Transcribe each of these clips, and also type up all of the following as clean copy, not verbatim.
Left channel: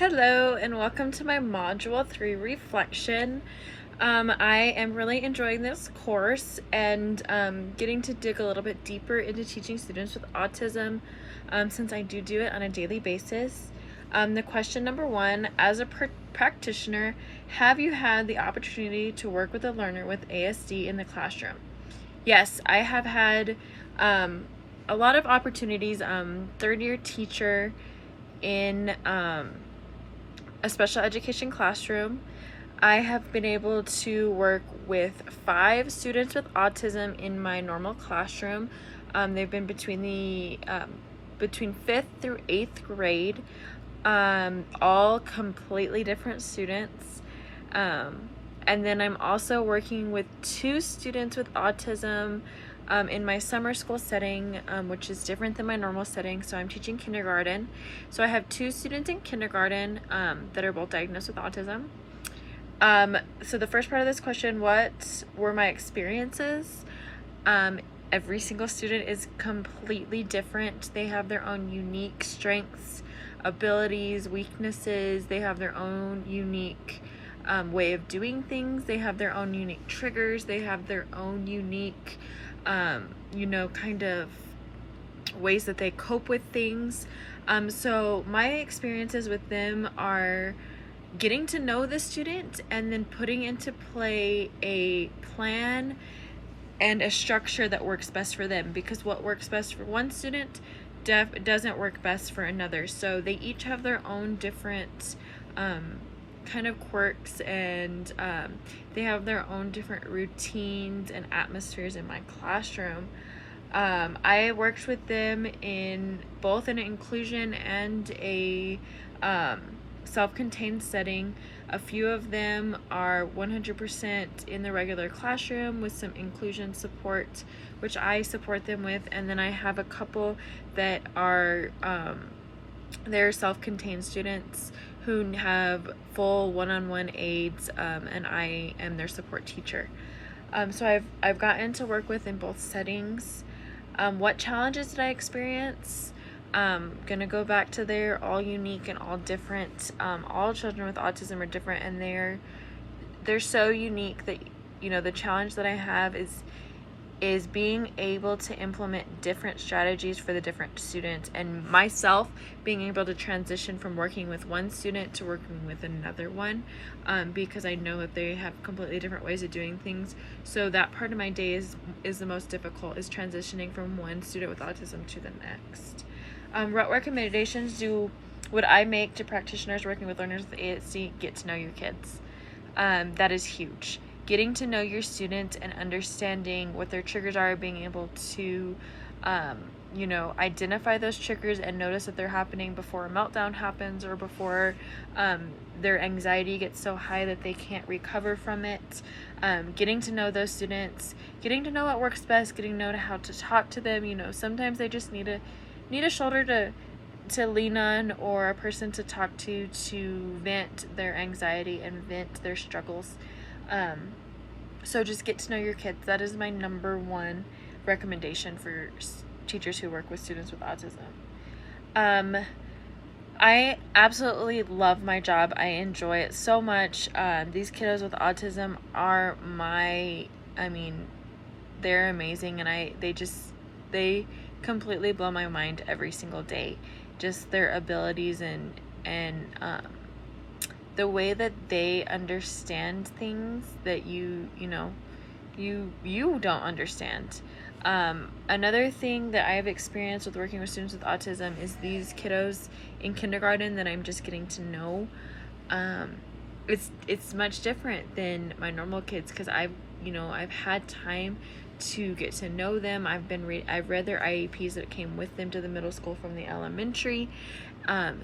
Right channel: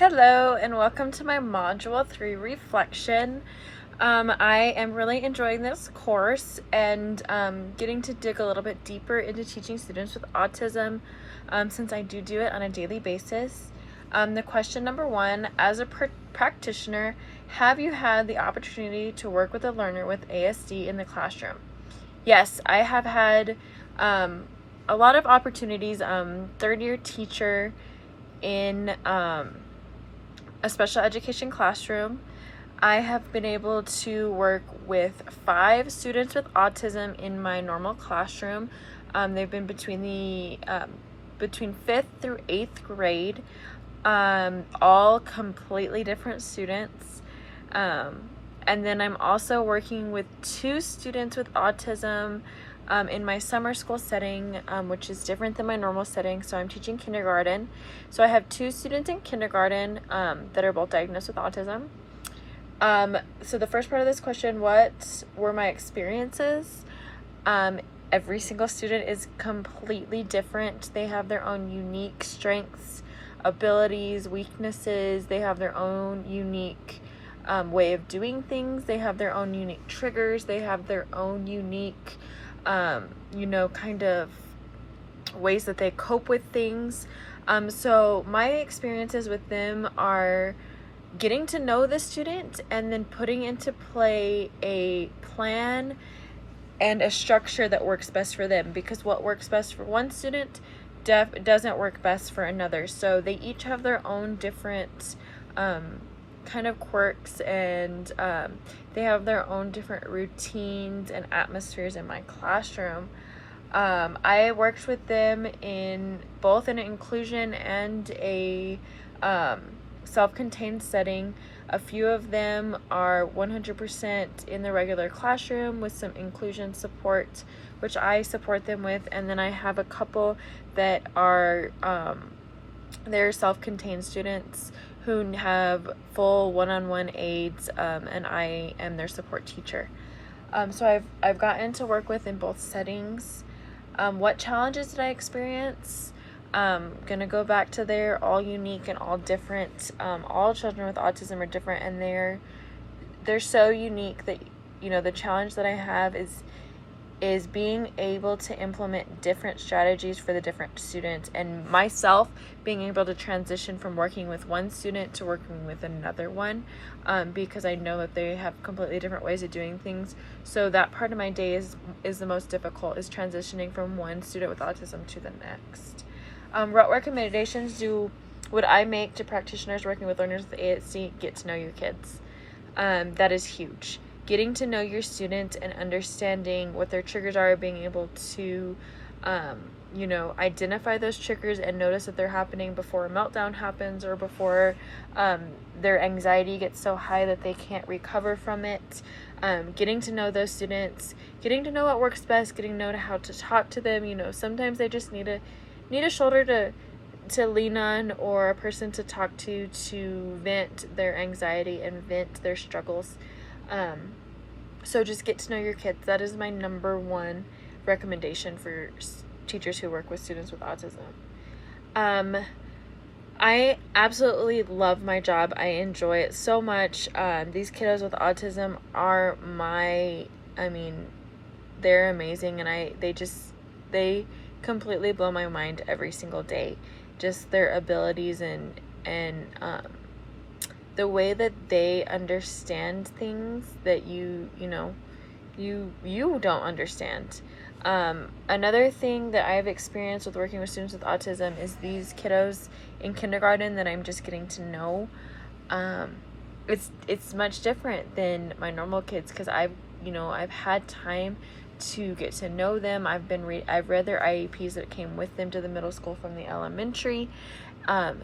Hello and welcome to my Module 3 reflection. I am really enjoying this course and getting to dig a little bit deeper into teaching students with autism since I do it on a daily basis. The question number one, as a practitioner, have you had the opportunity to work with a learner with ASD in the classroom? Yes, I have had a lot of opportunities. Third year teacher in a special education classroom. I have been able to work with 5 students with autism in my normal classroom. They've been between 5th through 8th grade, all completely different students. And then I'm also working with 2 students with autism in my summer school setting, which is different than my normal setting. So I'm teaching kindergarten. So I have 2 students in kindergarten that are both diagnosed with autism. So the first part of this question, what were my experiences? Every single student is completely different. They have their own unique strengths, abilities, weaknesses. They have their own unique way of doing things. They have their own unique triggers. They have their own unique kind of ways that they cope with things. So my experiences with them are getting to know the student and then putting into play a plan and a structure that works best for them, because what works best for one student doesn't work best for another. So they each have their own different kind of quirks, and they have their own different routines and atmospheres in my classroom. I worked with them in both an inclusion and a self-contained setting. A few of them are 100% in the regular classroom with some inclusion support, which I support them with, and then I have a couple that are they're self-contained students who have full one-on-one aids, and I am their support teacher. So I've gotten to work with in both settings. What challenges did I experience? Gonna go back to they're all unique and all different. All children with autism are different, and they're so unique that the challenge that I have is being able to implement different strategies for the different students, and myself being able to transition from working with one student to working with another one, because I know that they have completely different ways of doing things. So that part of my day is the most difficult, is transitioning from one student with autism to the next. What recommendations would I make to practitioners working with learners with ASD? Get to know your kids. That is huge. Getting to know your students and understanding what their triggers are, being able to identify those triggers and notice that they're happening before a meltdown happens, or before their anxiety gets so high that they can't recover from it. Getting to know those students, getting to know what works best, getting to know how to talk to them. Sometimes they just need a shoulder to lean on, or a person to talk to vent their anxiety and vent their struggles. So just get to know your kids. That is my number one recommendation for teachers who work with students with autism. I absolutely love my job. I enjoy it so much. These kiddos with autism are they're amazing, and they completely blow my mind every single day. Just their abilities and the way that they understand things that you don't understand. Another thing that I've experienced with working with students with autism is these kiddos in kindergarten that I'm just getting to know. It's much different than my normal kids, because I've had time to get to know them. I've read their IEPs that came with them to the middle school from the elementary.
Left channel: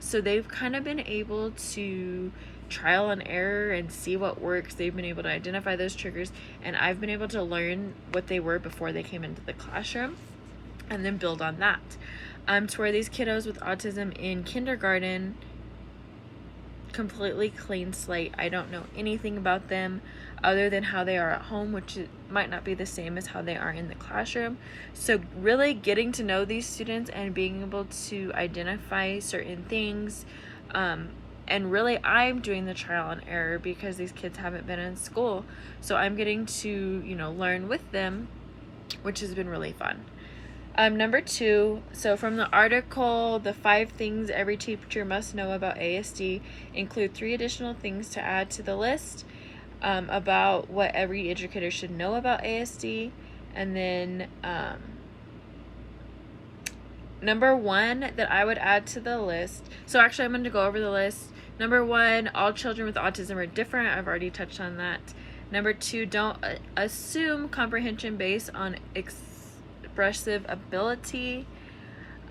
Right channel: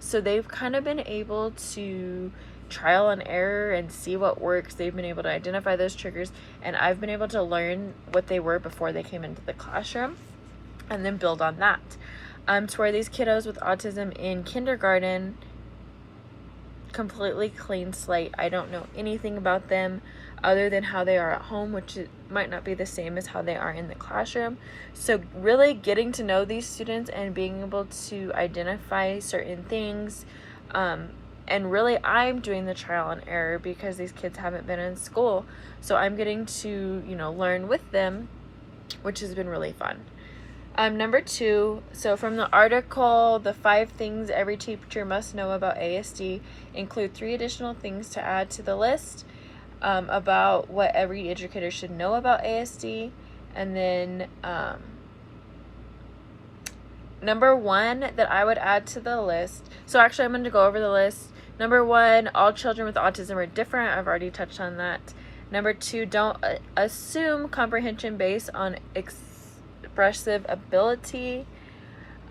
So they've kind of been able to trial and error and see what works. They've been able to identify those triggers, and I've been able to learn what they were before they came into the classroom and then build on that. To where these kiddos with autism in kindergarten, completely clean slate. I don't know anything about them other than how they are at home, which might not be the same as how they are in the classroom. So really getting to know these students and being able to identify certain things, And really, I'm doing the trial and error because these kids haven't been in school. So I'm getting to, learn with them, which has been really fun. Number 2, so from the article, the 5 things every teacher must know about ASD include 3 additional things to add to the list about what every educator should know about ASD. And then number 1 that I would add to the list, so actually I'm going to go over the list. Number 1, all children with autism are different. I've already touched on that. Number 2, don't assume comprehension based on expressive ability.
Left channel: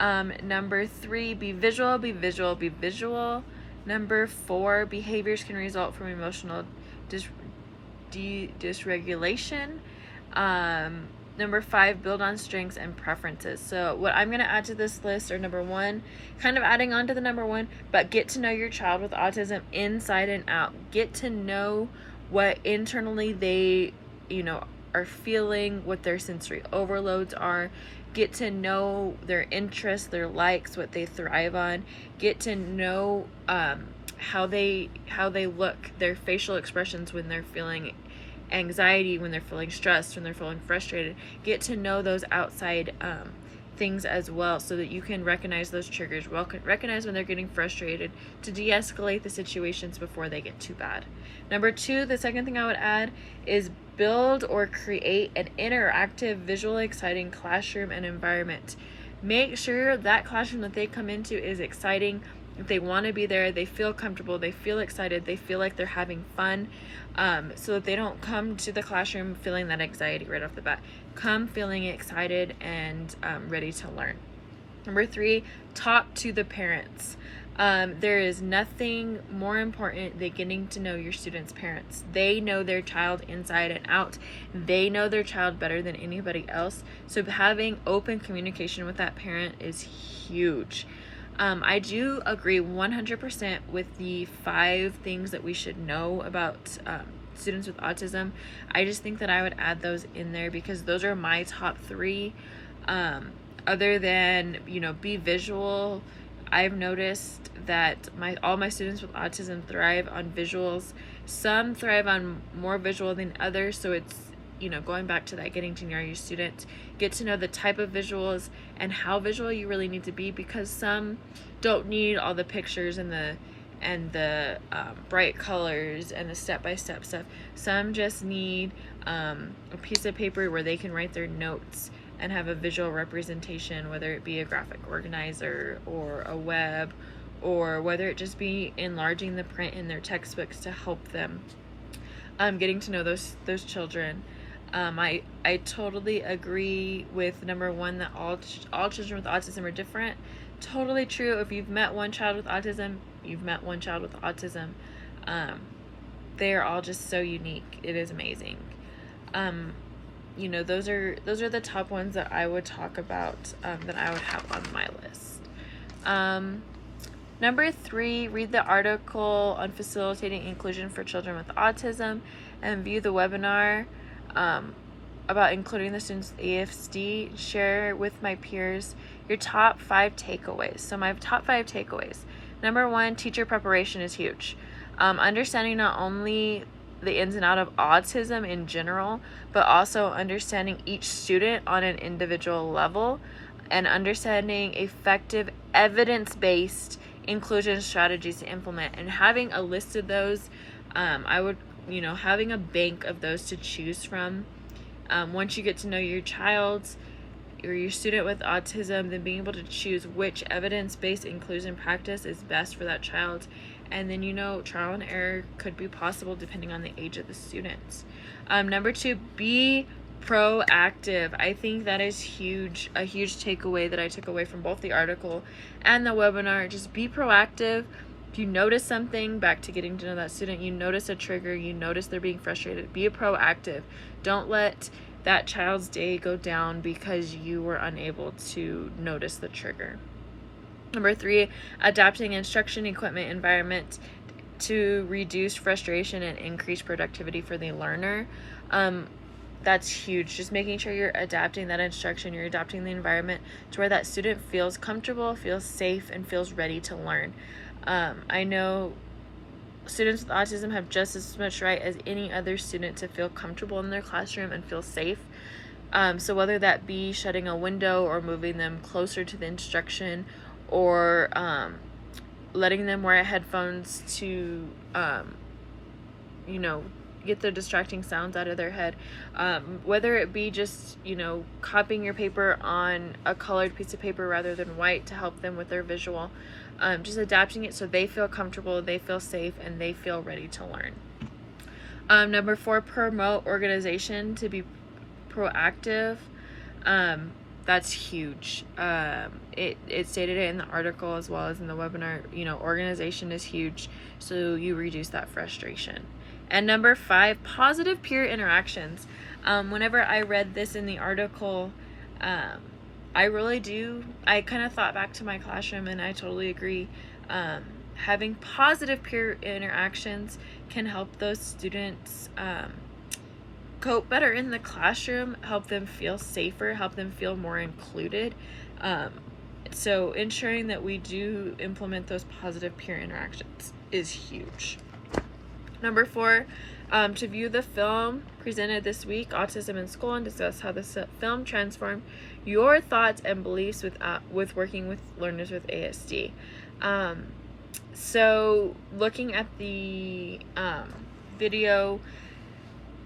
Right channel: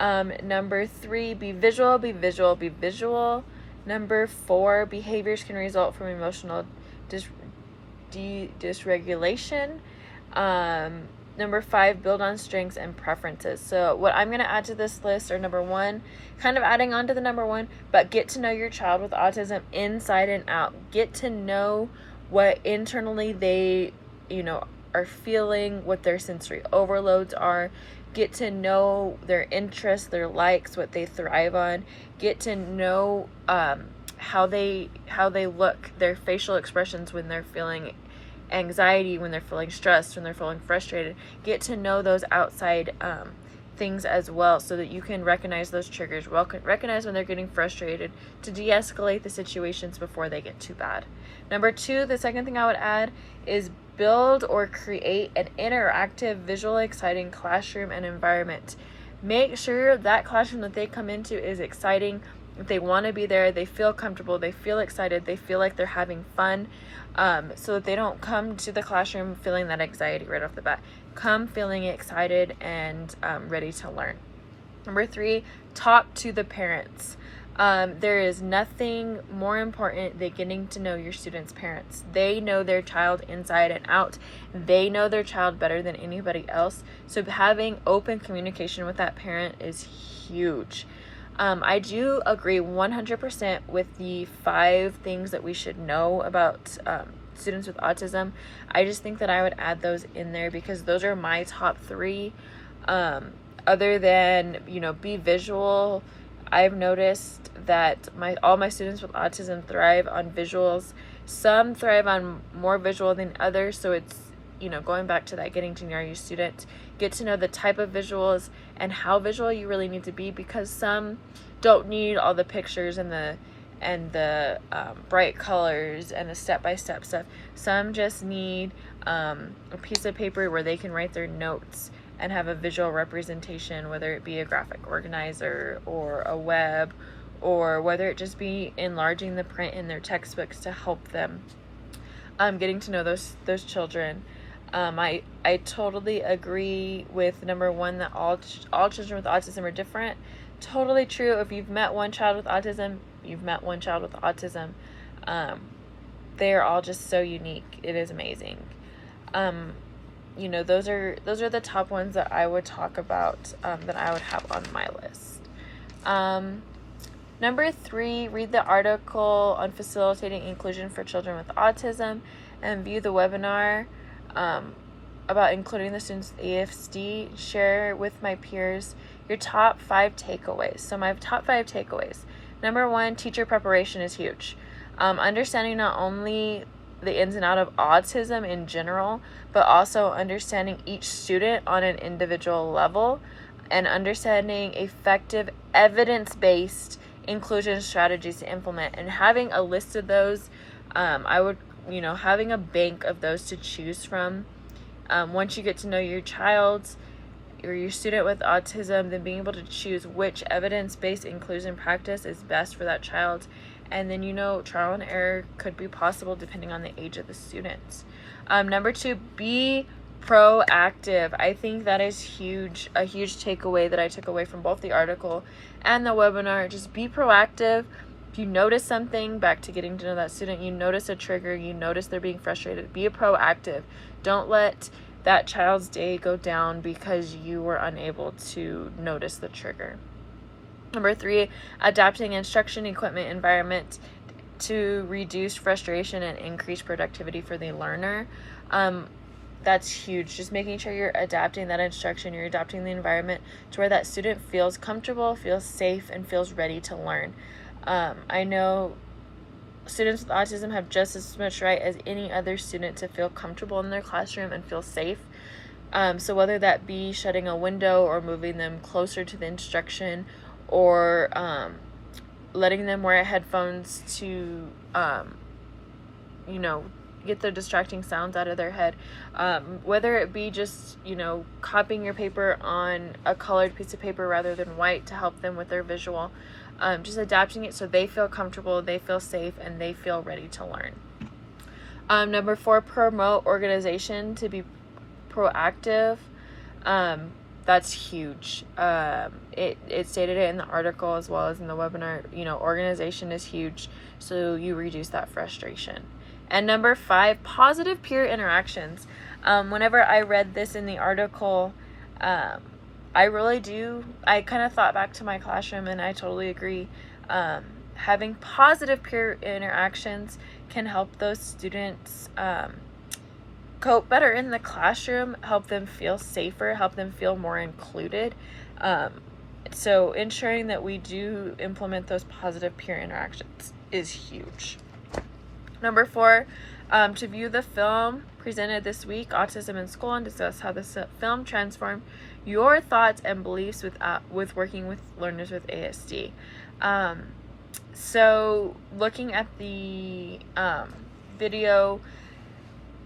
Number 3, be visual, be visual, be visual. Number 4, behaviors can result from emotional dysregulation. Number 5, build on strengths and preferences. So what I'm going to add to this list are number 1, kind of adding on to the number 1, but get to know your child with autism inside and out. Get to know what internally they, are feeling, what their sensory overloads are. Get to know their interests, their likes, what they thrive on. Get to know how they look, their facial expressions when they're feeling anxiety, when they're feeling stressed, when they're feeling frustrated. Get to know those outside things as well, so that you can recognize those triggers, recognize when they're getting frustrated, to de-escalate the situations before they get too bad. Number 2, the second thing I would add is build or create an interactive, visually exciting classroom and environment. Make sure that classroom that they come into is exciting. If they want to be there, they feel comfortable, they feel excited, they feel like they're having fun, so that they don't come to the classroom feeling that anxiety right off the bat. Come feeling excited and ready to learn. Number 3, talk to the parents. There is nothing more important than getting to know your students' parents. They know their child inside and out. They know their child better than anybody else. So having open communication with that parent is huge. I do agree 100% with the 5 things that we should know about students with autism. I just think that I would add those in there because those are my top 3. Other than, be visual, I've noticed that all my students with autism thrive on visuals. Some thrive on more visual than others, so it's, going back to that, getting to know your student, get to know the type of visuals and how visual you really need to be, because some don't need all the pictures and the bright colors and the step-by-step stuff. Some just need a piece of paper where they can write their notes and have a visual representation, whether it be a graphic organizer or a web, or whether it just be enlarging the print in their textbooks to help them. Getting to know those children. I totally agree with number 1 that all children with autism are different. Totally true. If you've met one child with autism, you've met one child with autism. They are all just so unique. It is amazing. Those are the top ones that I would talk about, that I would have on my list. Number 3, read the article on facilitating inclusion for children with autism and view the webinar about including the students with ASD. Share with my peers your top 5 takeaways. So my top 5 takeaways. Number 1, teacher preparation is huge. Understanding not only the ins and outs of autism in general, but also understanding each student on an individual level, and understanding effective evidence-based inclusion strategies to implement, and having a list of those. I would, having a bank of those to choose from. Once you get to know your child or your student with autism, then being able to choose which evidence-based inclusion practice is best for that child. And then, trial and error could be possible depending on the age of the students. Number 2, be proactive. I think that is a huge takeaway that I took away from both the article and the webinar. Just be proactive. If you notice something, back to getting to know that student, you notice a trigger, you notice they're being frustrated, be proactive. Don't let that child's day go down because you were unable to notice the trigger. Number 3, adapting instruction, equipment, environment to reduce frustration and increase productivity for the learner. That's huge. Just making sure you're adapting that instruction, you're adapting the environment to where that student feels comfortable, feels safe, and feels ready to learn. I know students with autism have just as much right as any other student to feel comfortable in their classroom and feel safe. So whether that be shutting a window or moving them closer to the instruction, or letting them wear headphones to, get the distracting sounds out of their head. Whether it be just, copying your paper on a colored piece of paper rather than white to help them with their visual. Just adapting it so they feel comfortable, they feel safe, and they feel ready to learn. Number 4, promote organization, to be proactive. That's huge. It stated it in the article as well as in the webinar. Organization is huge, so you reduce that frustration. And number 5, positive peer interactions. Whenever I read this in the article, I kind of thought back to my classroom, and I totally agree. Having positive peer interactions can help those students cope better in the classroom, help them feel safer, help them feel more included. So ensuring that we do implement those positive peer interactions is huge. Number 4, to view the film presented this week, Autism in School, and discuss how the film transformed your thoughts and beliefs with working with learners with ASD. So looking at the video,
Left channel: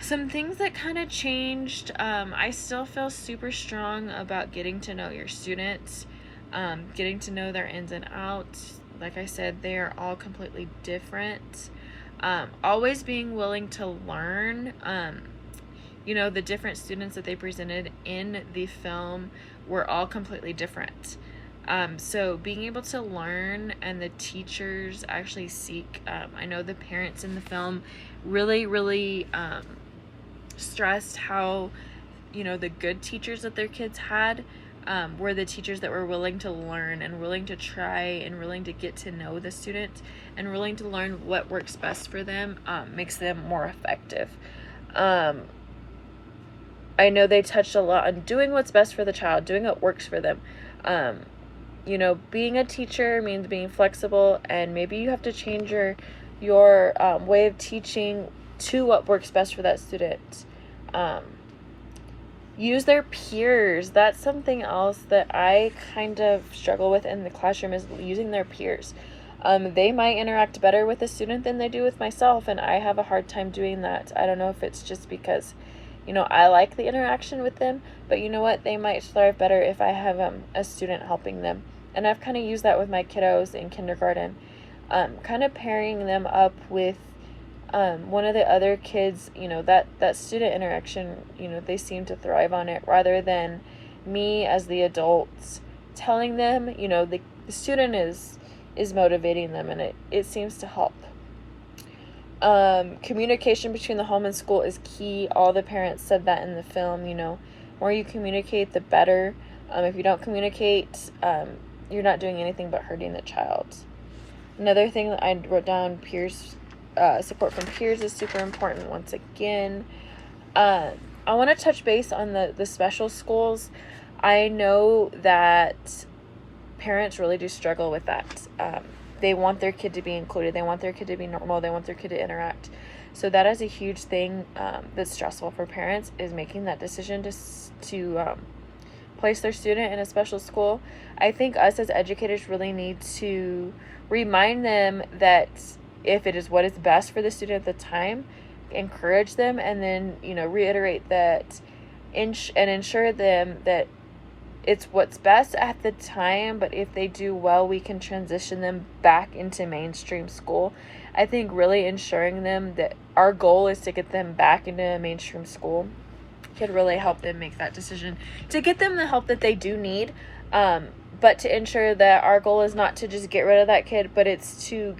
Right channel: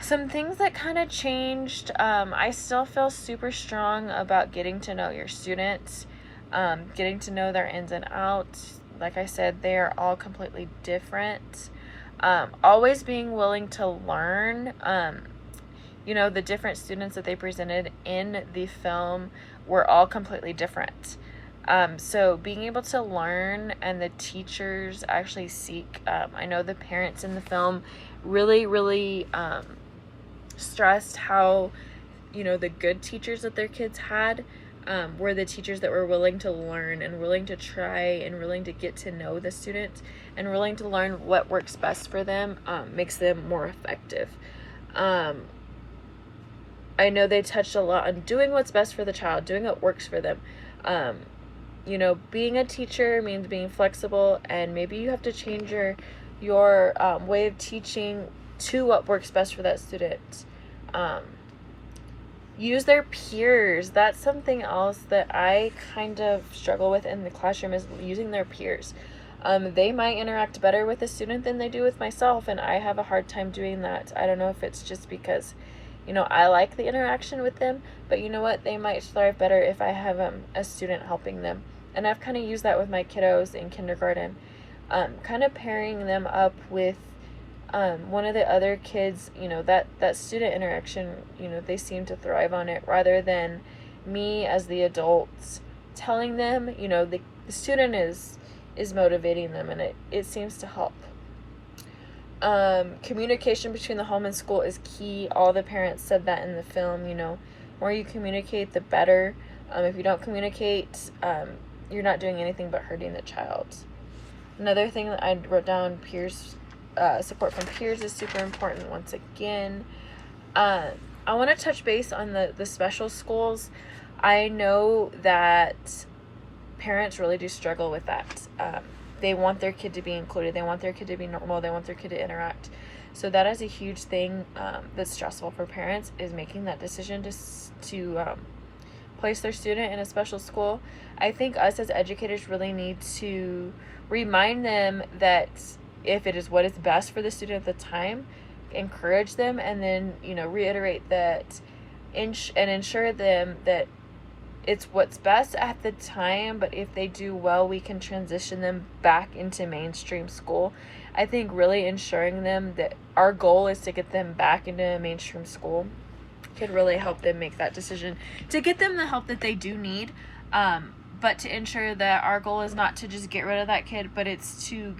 some things that kind of changed. I still feel super strong about getting to know your students, getting to know their ins and outs. Like I said, they are all completely different. Always being willing to learn. The different students that they presented in the film were all completely different. So being able to learn, and the teachers actually seek, I know the parents in the film really, really stressed how, the good teachers that their kids had were the teachers that were willing to learn and willing to try and willing to get to know the students and willing to learn what works best for them, makes them more effective. I know they touched a lot on doing what's best for the child, doing what works for them. Being a teacher means being flexible, and maybe you have to change your way of teaching to what works best for that student. Use their peers. That's something else that I kind of struggle with in the classroom, is using their peers. They might interact better with a student than they do with myself, and I have a hard time doing that. I don't know if it's just because, I like the interaction with them, but you know what? They might thrive better if I have a student helping them. And I've kind of used that with my kiddos in kindergarten, kind of pairing them up with one of the other kids. That student interaction, they seem to thrive on it, rather than me as the adults telling them. The student is motivating them, and it seems to help. Communication between the home and school is key. All the parents said that in the film. More you communicate, the better. If you don't communicate, you're not doing anything but hurting the child. Another thing that I wrote down, peers, support from peers is super important once again. I want to touch base on the special schools. I know that parents really do struggle with that. They want their kid to be included. They want their kid to be normal. They want their kid to interact. So that is a huge thing that's stressful for parents, is making that decision to place their student in a special school. I think us as educators really need to remind them that if it is what is best for the student at the time, encourage them, and then reiterate that and ensure them that it's what's best at the time, but if they do well, we can transition them back into mainstream school. I think really ensuring them that our goal is to get them back into a mainstream school could really help them make that decision, to get them the help that they do need, but to ensure that our goal is not to just get rid of that kid, but it's to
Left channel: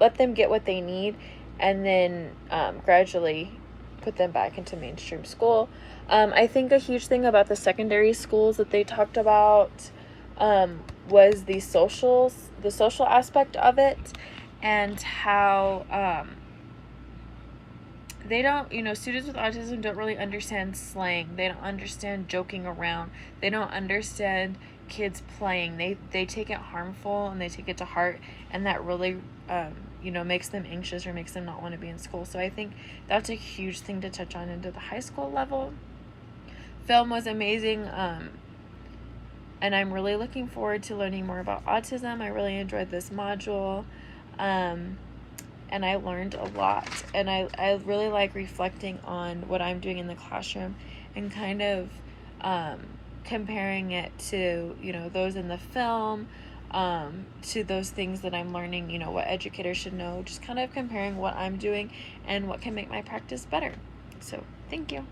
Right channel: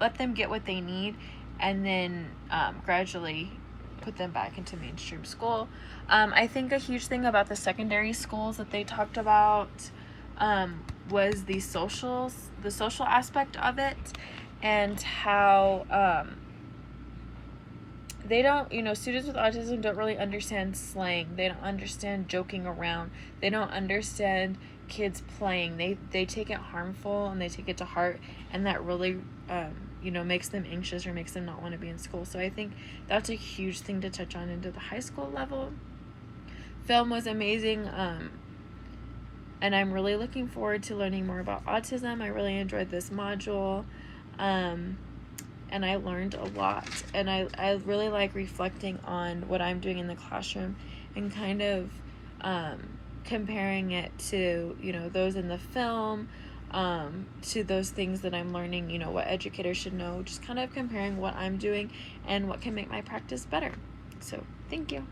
let them get what they need, and then gradually put them back into mainstream school. I think a huge thing about the secondary schools that they talked about was the social aspect of it, and how they don't, students with autism don't really understand slang. They don't understand joking around. They don't understand kids playing. They take it harmful, and they take it to heart, and that really, makes them anxious or makes them not want to be in school. So I think that's a huge thing to touch on into the high school level. Film was amazing, and I'm really looking forward to learning more about autism. I really enjoyed this module, and I learned a lot, and I really like reflecting on what I'm doing in the classroom and kind of comparing it to, those in the film, to those things that I'm learning, what educators should know, just kind of comparing what I'm doing and what can make my practice better. So thank you.